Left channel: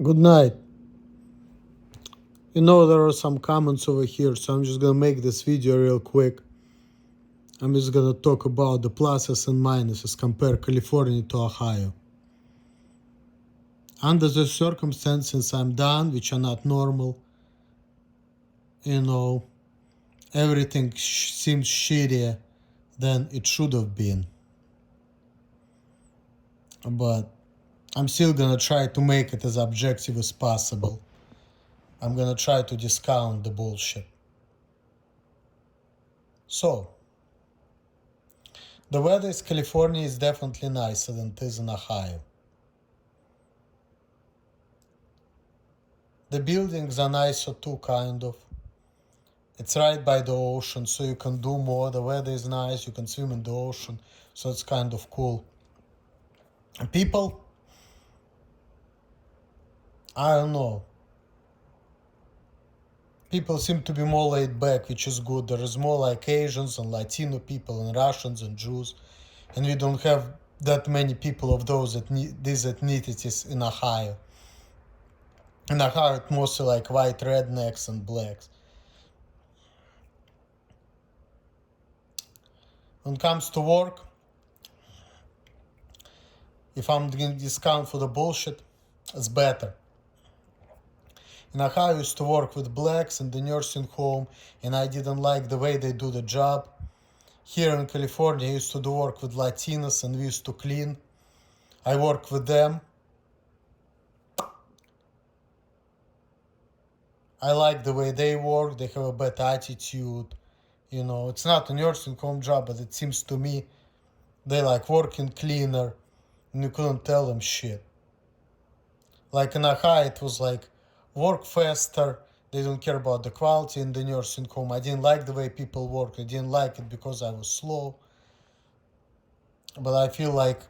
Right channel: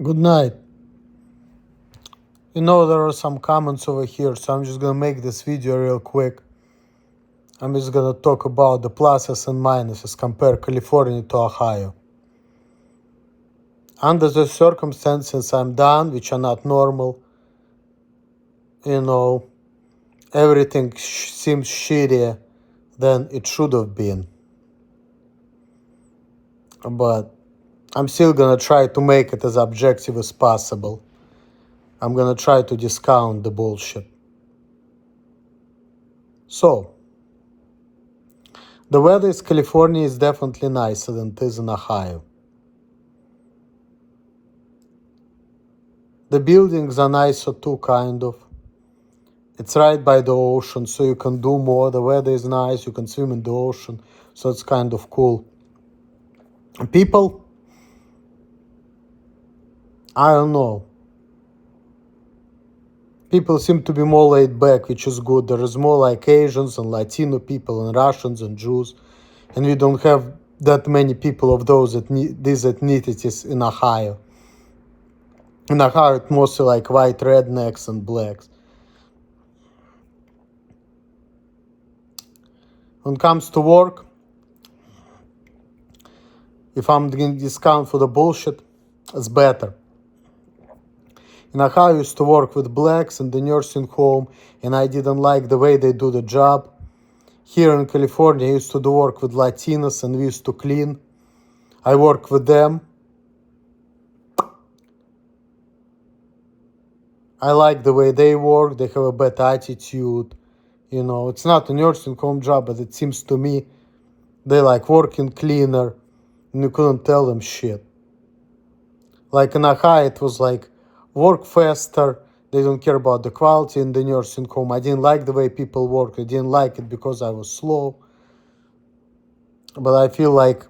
Good night. You know, there are some comments over here, so I'm just gonna make this video real quick. I'm just gonna talk about the pluses and minuses, compare California to Ohio. Under the circumstances I'm done, which are not normal, everything seems shittier than it should have been. But I'm still gonna try to make it as objective as possible. I'm gonna try to discount the bullshit. So, the weather in California is definitely nicer than it is in Ohio. The buildings are nicer too, kind of. It's right by the ocean, so you can do more. The weather is nice, you can swim in the ocean, so it's kind of cool. People, I don't know. People seem to be more laid back, which is good. There is more like Asians and Latino people and Russians and Jews, and we don't have that many people of these ethnicities in Ohio. In Ohio, it's mostly like white rednecks and blacks. When it comes to work, if I'm getting discount for the bullshit, it's better. In Ohio, I used to work with blacks in the nursing home, and I didn't like the way they do the job. Here in California, I used to do work with Latinos, and we used to clean. I work with them. I like the way they work. They have a better attitude. It's not a nursing home job, but it seems to me they like working cleaner, and you couldn't tell them shit. Like in Ohio, it was like work faster. They don't care about the quality in the nursing home. I didn't like the way people work. I didn't like it because I was slow. But I feel like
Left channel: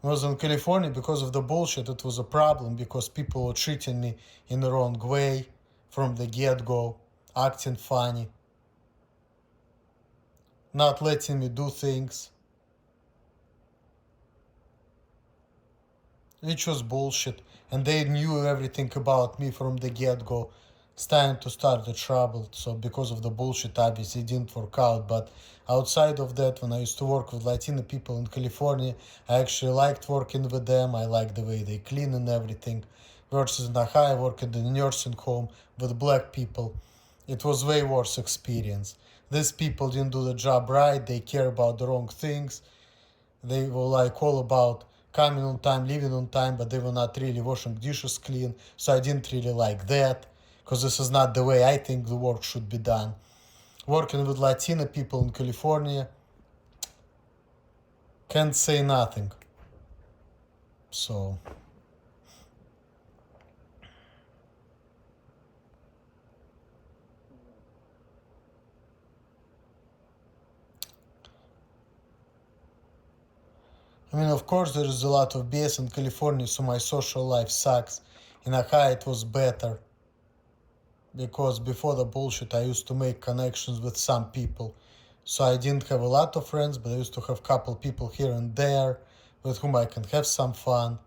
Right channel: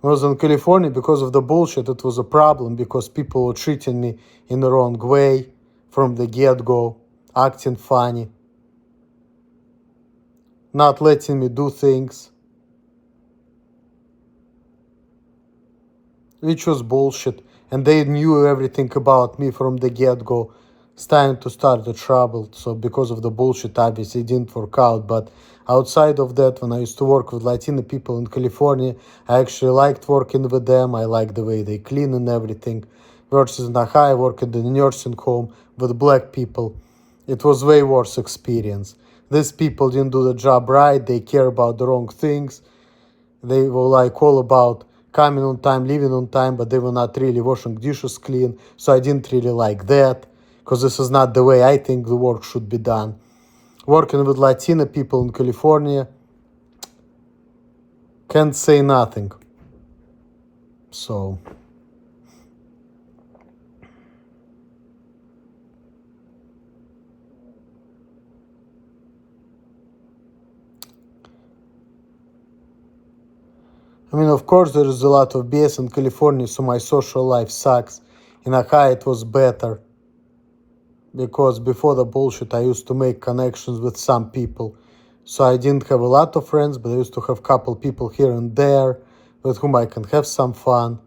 when I was in California, because of the bullshit, it was a problem because people were treating me in the wrong way from the get-go, acting funny, not letting me do things, which was bullshit. And they knew everything about me from the get-go. It's time to start the trouble. So because of the bullshit, obviously it didn't work out. But outside of that, when I used to work with Latino people in California, I actually liked working with them. I liked the way they clean and everything. Versus in Ohio, I worked in the nursing home with black people. It was way worse experience. These people didn't do the job right. They care about the wrong things. They were like all about coming on time, leaving on time, but they were not really washing dishes clean. So I didn't really like that, because this is not the way I think the work should be done. Working with Latino people in California, can't say nothing. So I mean, of course, there is a lot of BS in California, so my social life sucks. In Ohio, it was better, because before the bullshit, I used to make connections with some people. So I didn't have a lot of friends, but I used to have a couple people here and there with whom I can have some fun.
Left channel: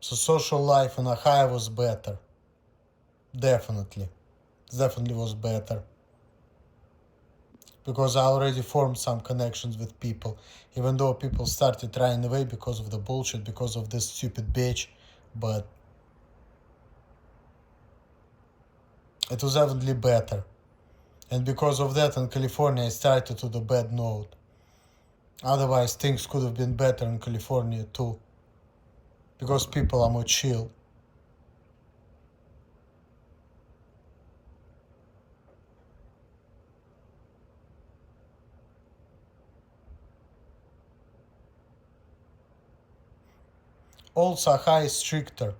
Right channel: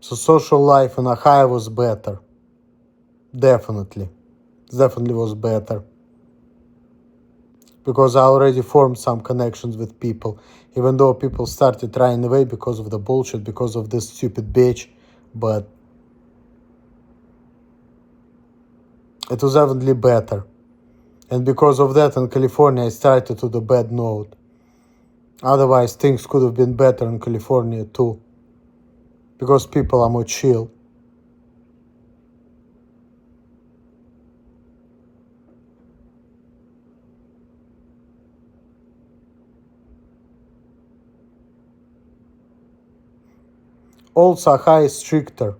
So social life in Ohio was better. Definitely. Definitely was better. Because I already formed some connections with people, even though people started running away because of the bullshit, because of this stupid bitch. But it was definitely better. And because of that, in California, I started to the bad note. Otherwise, things could have been better in California too. Because people are more chill. Also, Ohio is stricter.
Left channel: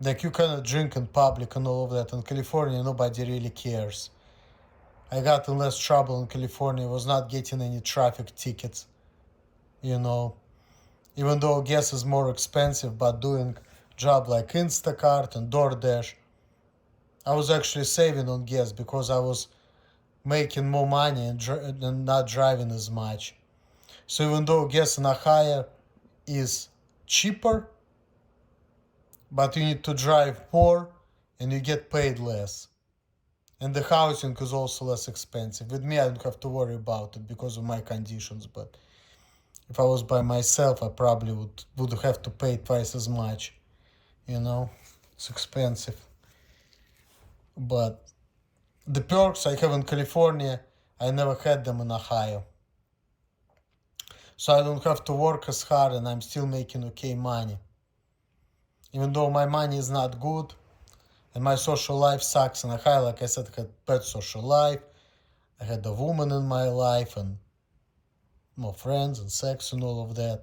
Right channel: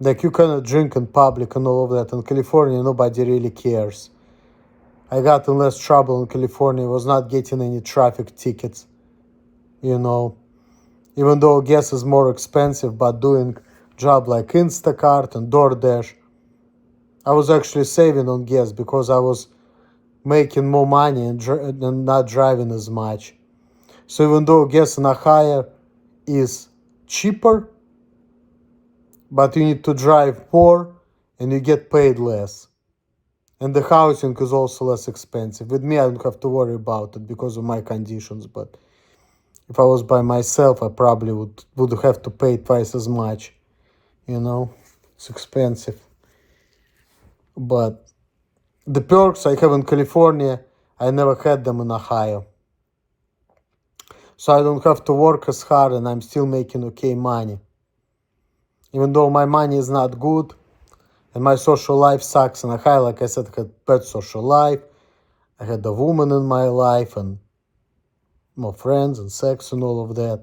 Like, you cannot drink in public and all of that. In California, nobody really cares. I got in less trouble in California. I was not getting any traffic tickets. Even though gas is more expensive, but doing job like Instacart and DoorDash, I was actually saving on gas because I was making more money and not driving as much. So even though gas in Ohio is cheaper, but you need to drive more and you get paid less. And the housing is also less expensive. With me, I don't have to worry about it because of my conditions, but if I was by myself, I probably would have to pay twice as much. You know, it's expensive. But the perks I have in California, I never had them in Ohio. So I don't have to work as hard and I'm still making okay money. Even though my money is not good and my social life sucks in Ohio, like I said, I had bad social life. I had a woman in my life and more friends and sex and all of that.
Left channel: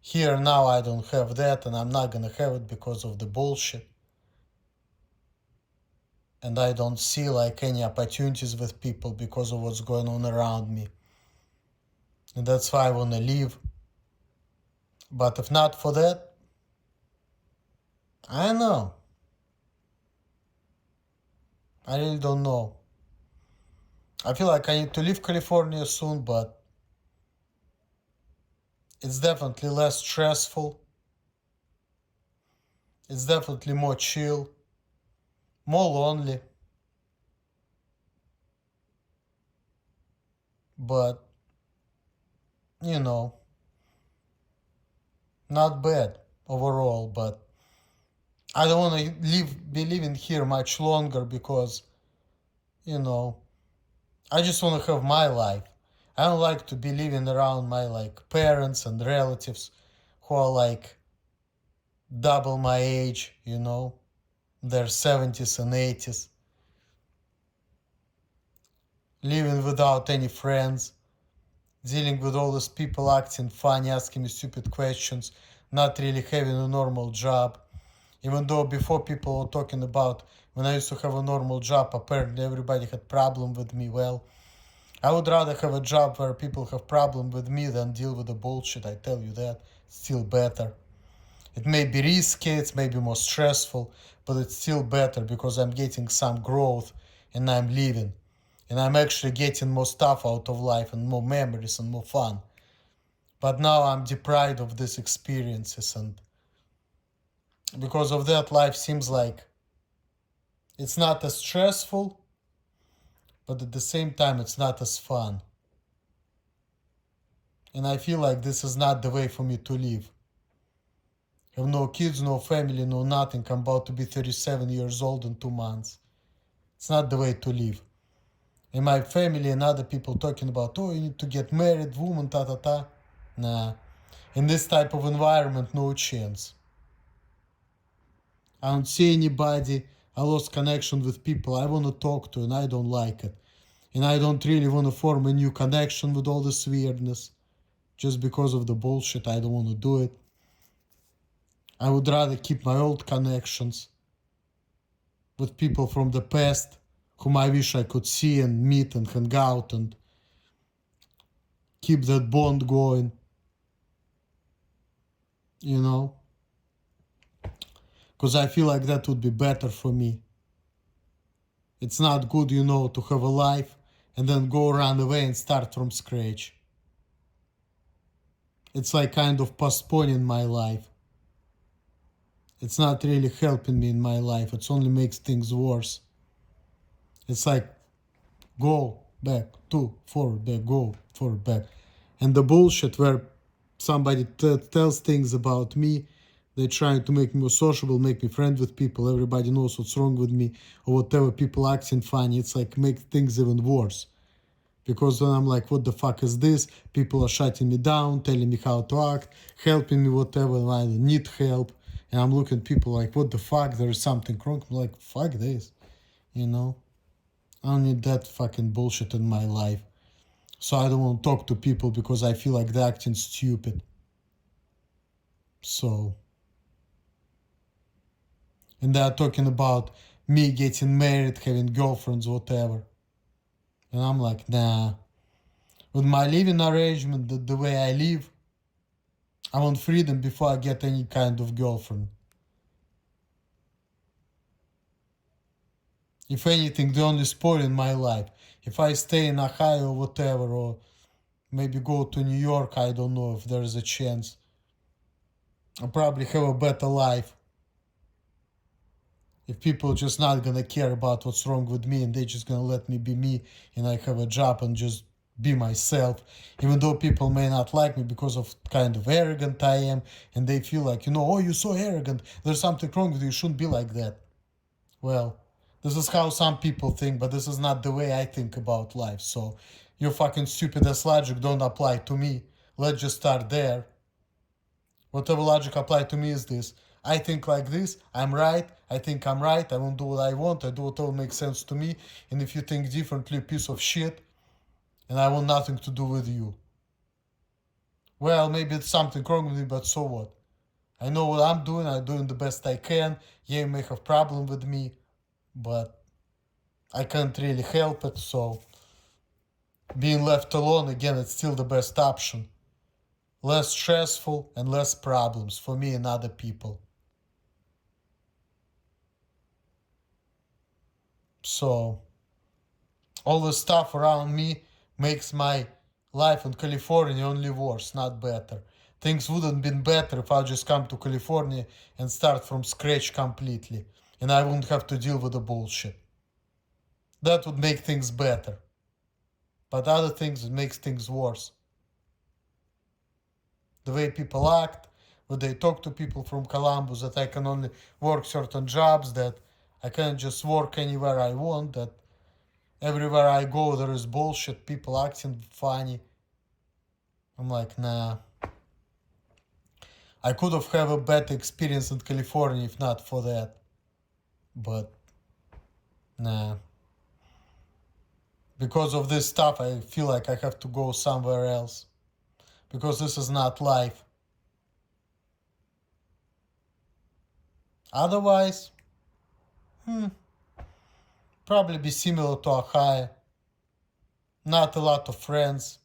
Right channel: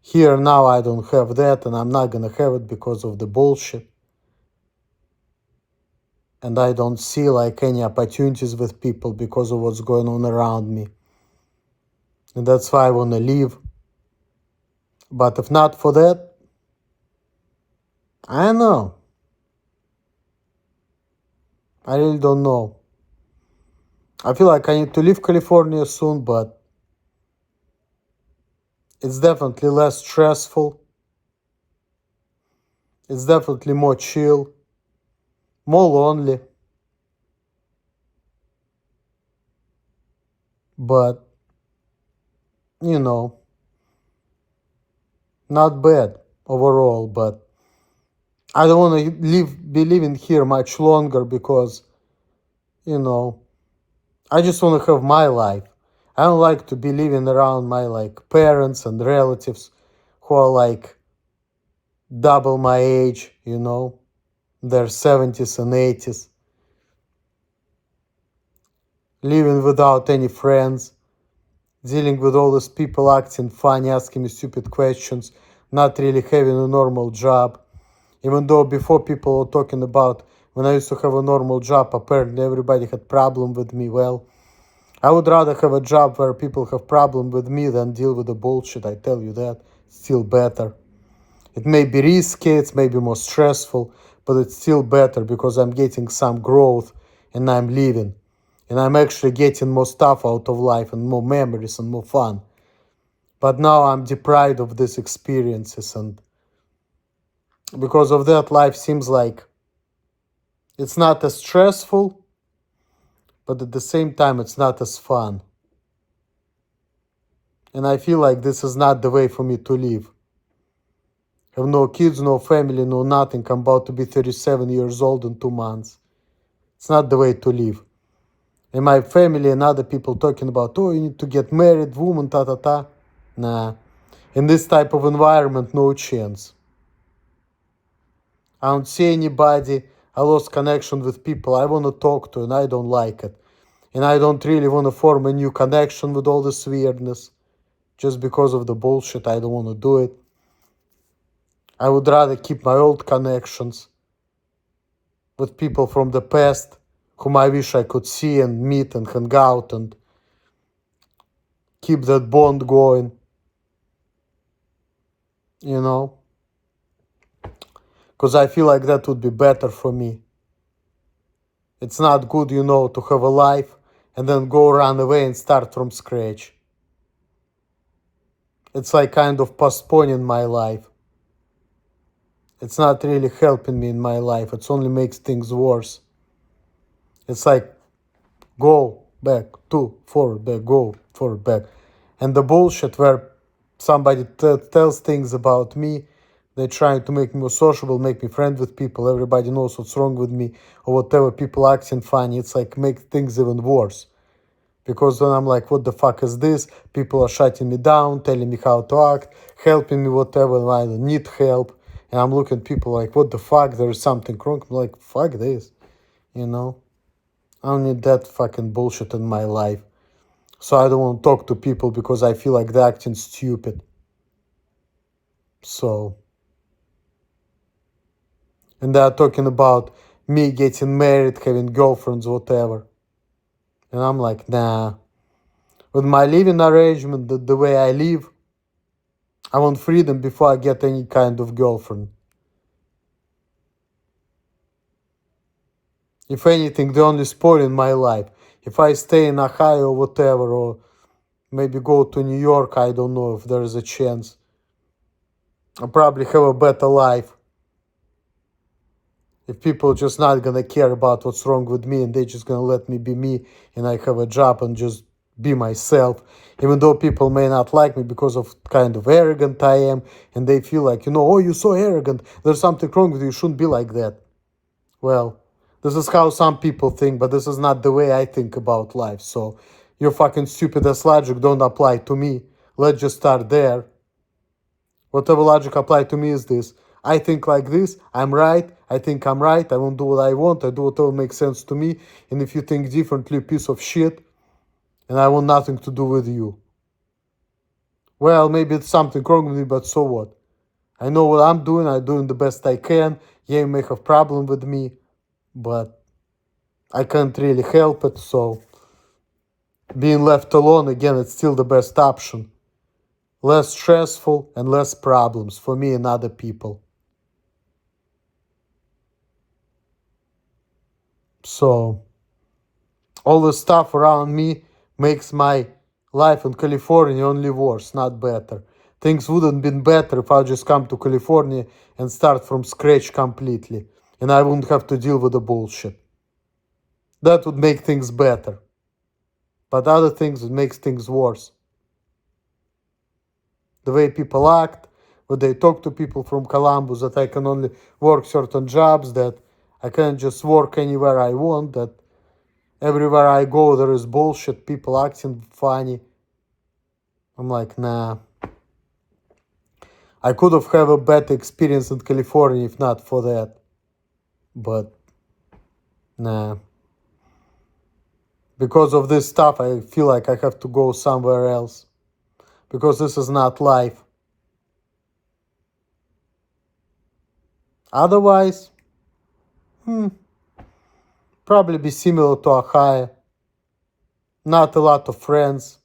Here now I don't have that and I'm not gonna have it because of the bullshit. And I don't see like any opportunities with people because of what's going on around me. And that's why I wanna leave. But if not for that, I don't know. I really don't know. I feel like I need to leave California soon, but it's definitely less stressful. It's definitely more chill, more lonely. But, you know, not bad overall. But I don't want to be living here much longer because, you know, I just want to have my life. I don't like to be living around my like parents and relatives who are like double my age, you know, their 70s and 80s, living without any friends, dealing with all these people acting funny, asking me stupid questions, not really having a normal job. Even though before people were talking about when I used to have a normal job, apparently everybody had problem with me. Well, I would rather have a job where people have problem with me than deal with the bullshit, I tell you that. It's still better. It may be risky, it may be more stressful, but it's still better because I'm getting some growth and I'm living. And I'm actually getting more stuff out of life and more memories and more fun. But now I'm deprived of these experiences, and because of that, life seems like it's not as stressful, but at the same time, it's not as fun. And I feel like this is not the way for me to live. I have no kids, no family, no nothing. I'm about to be 37 years old in 2 months. It's not the way to live. And my family and other people talking about, oh, you need to get married, woman, ta. Nah. In this type of environment, no chance. I don't see anybody. I lost connection with people I want to talk to and I don't like it. And I don't really want to form a new connection with all this weirdness. Just because of the bullshit, I don't want to do it. I would rather keep my old connections with people from the past whom I wish I could see and meet and hang out and keep that bond going. You know? Because I feel like that would be better for me. It's not good, you know, to have a life and then go run away and start from scratch. It's like kind of postponing my life. It's not really helping me in my life. It only makes things worse. It's like go back, forward, back, go forward, back. And the bullshit where somebody tells things about me, they're trying to make me more sociable, make me friend with people. Everybody knows what's wrong with me or whatever. People acting funny. It's like make things even worse. Because then I'm like, what the fuck is this? People are shutting me down, telling me how to act, helping me, whatever, and I don't need help. And I'm looking at people like, what the fuck? There is something wrong. I'm like, fuck this. You know? I don't need that fucking bullshit in my life. So I don't want to talk to people because I feel like they're acting stupid. So. And they're talking about me getting married, having girlfriends, whatever. And I'm like, nah. With my living arrangement, the way I live, I want freedom before I get any kind of girlfriend. If anything, the only spoil in my life. If I stay in Ohio or whatever, or maybe go to New York, I don't know if there is a chance. I'll probably have a better life If people just not gonna care about what's wrong with me and they just gonna let me be me and I have a job and just be myself, even though people may not like me because of kind of arrogant I am, and they feel like, oh, you're so arrogant, there's something wrong with you, you shouldn't be like that. Well, this is how some people think, but this is not the way I think about life. So your fucking stupid ass logic don't apply to me. Let's just start there. Whatever logic apply to me is this. I think like this, I'm right, I think I'm right, I won't do what I want, I do whatever makes sense to me, and if you think differently, piece of shit, and I want nothing to do with you. Well, maybe it's something wrong with me, but so what? I know what I'm doing the best I can. Yeah, you may have problem with me, but I can't really help it, so being left alone, again, it's still the best option. Less stressful and less problems for me and other people. So all the stuff around me makes my life in California only worse, not better. Things wouldn't been better if I just come to California and start from scratch completely, and I wouldn't have to deal with the bullshit. That would make things better. But other things would make things worse. The way people act, when they talk to people from Columbus, that I can only work certain jobs, that I can't just work anywhere I want, that everywhere I go there is bullshit, people acting funny. I'm like, nah. I could have a better experience in California if not for that. But nah. Because of this stuff, I feel like I have to go somewhere else. Because this is not life. Otherwise, probably be similar to Ohio. Not a lot of friends.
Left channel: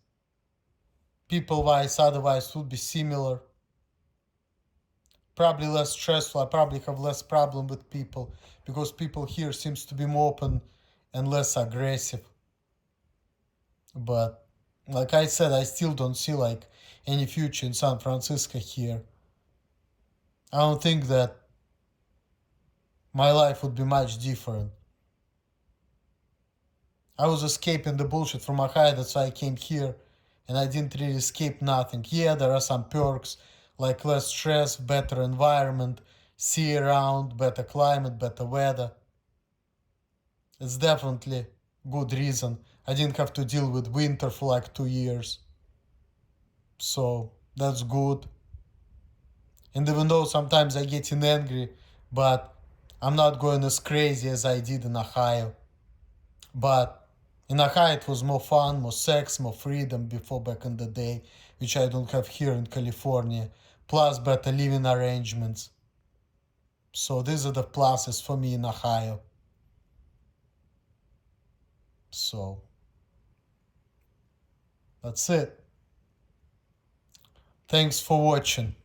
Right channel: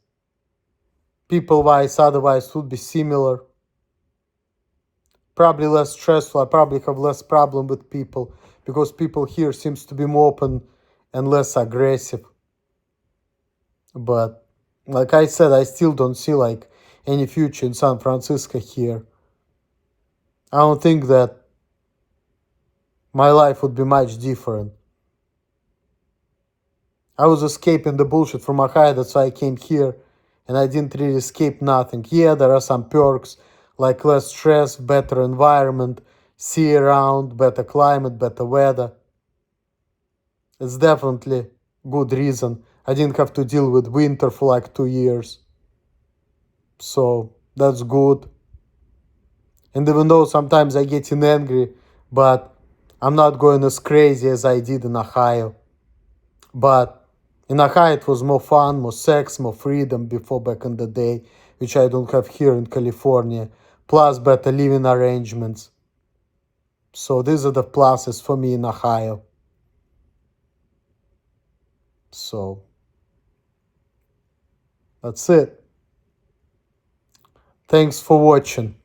People-wise, otherwise would be similar. Probably less stressful. I probably have less problem with people because people here seems to be more open and less aggressive. But like I said, I still don't see like any future in San Francisco here. I don't think that my life would be much different. I was escaping the bullshit from Ohio, that's why I came here, and I didn't really escape nothing. Yeah, there are some perks, like less stress, better environment, sea around, better climate, better weather. It's definitely good reason. I didn't have to deal with winter for like 2 years. So that's good. And even though sometimes I get angry, but I'm not going as crazy as I did in Ohio. But in Ohio it was more fun, more sex, more freedom before back in the day, which I don't have here in California. Plus better living arrangements. So these are the pluses for me in Ohio. So that's it. Thanks for watching.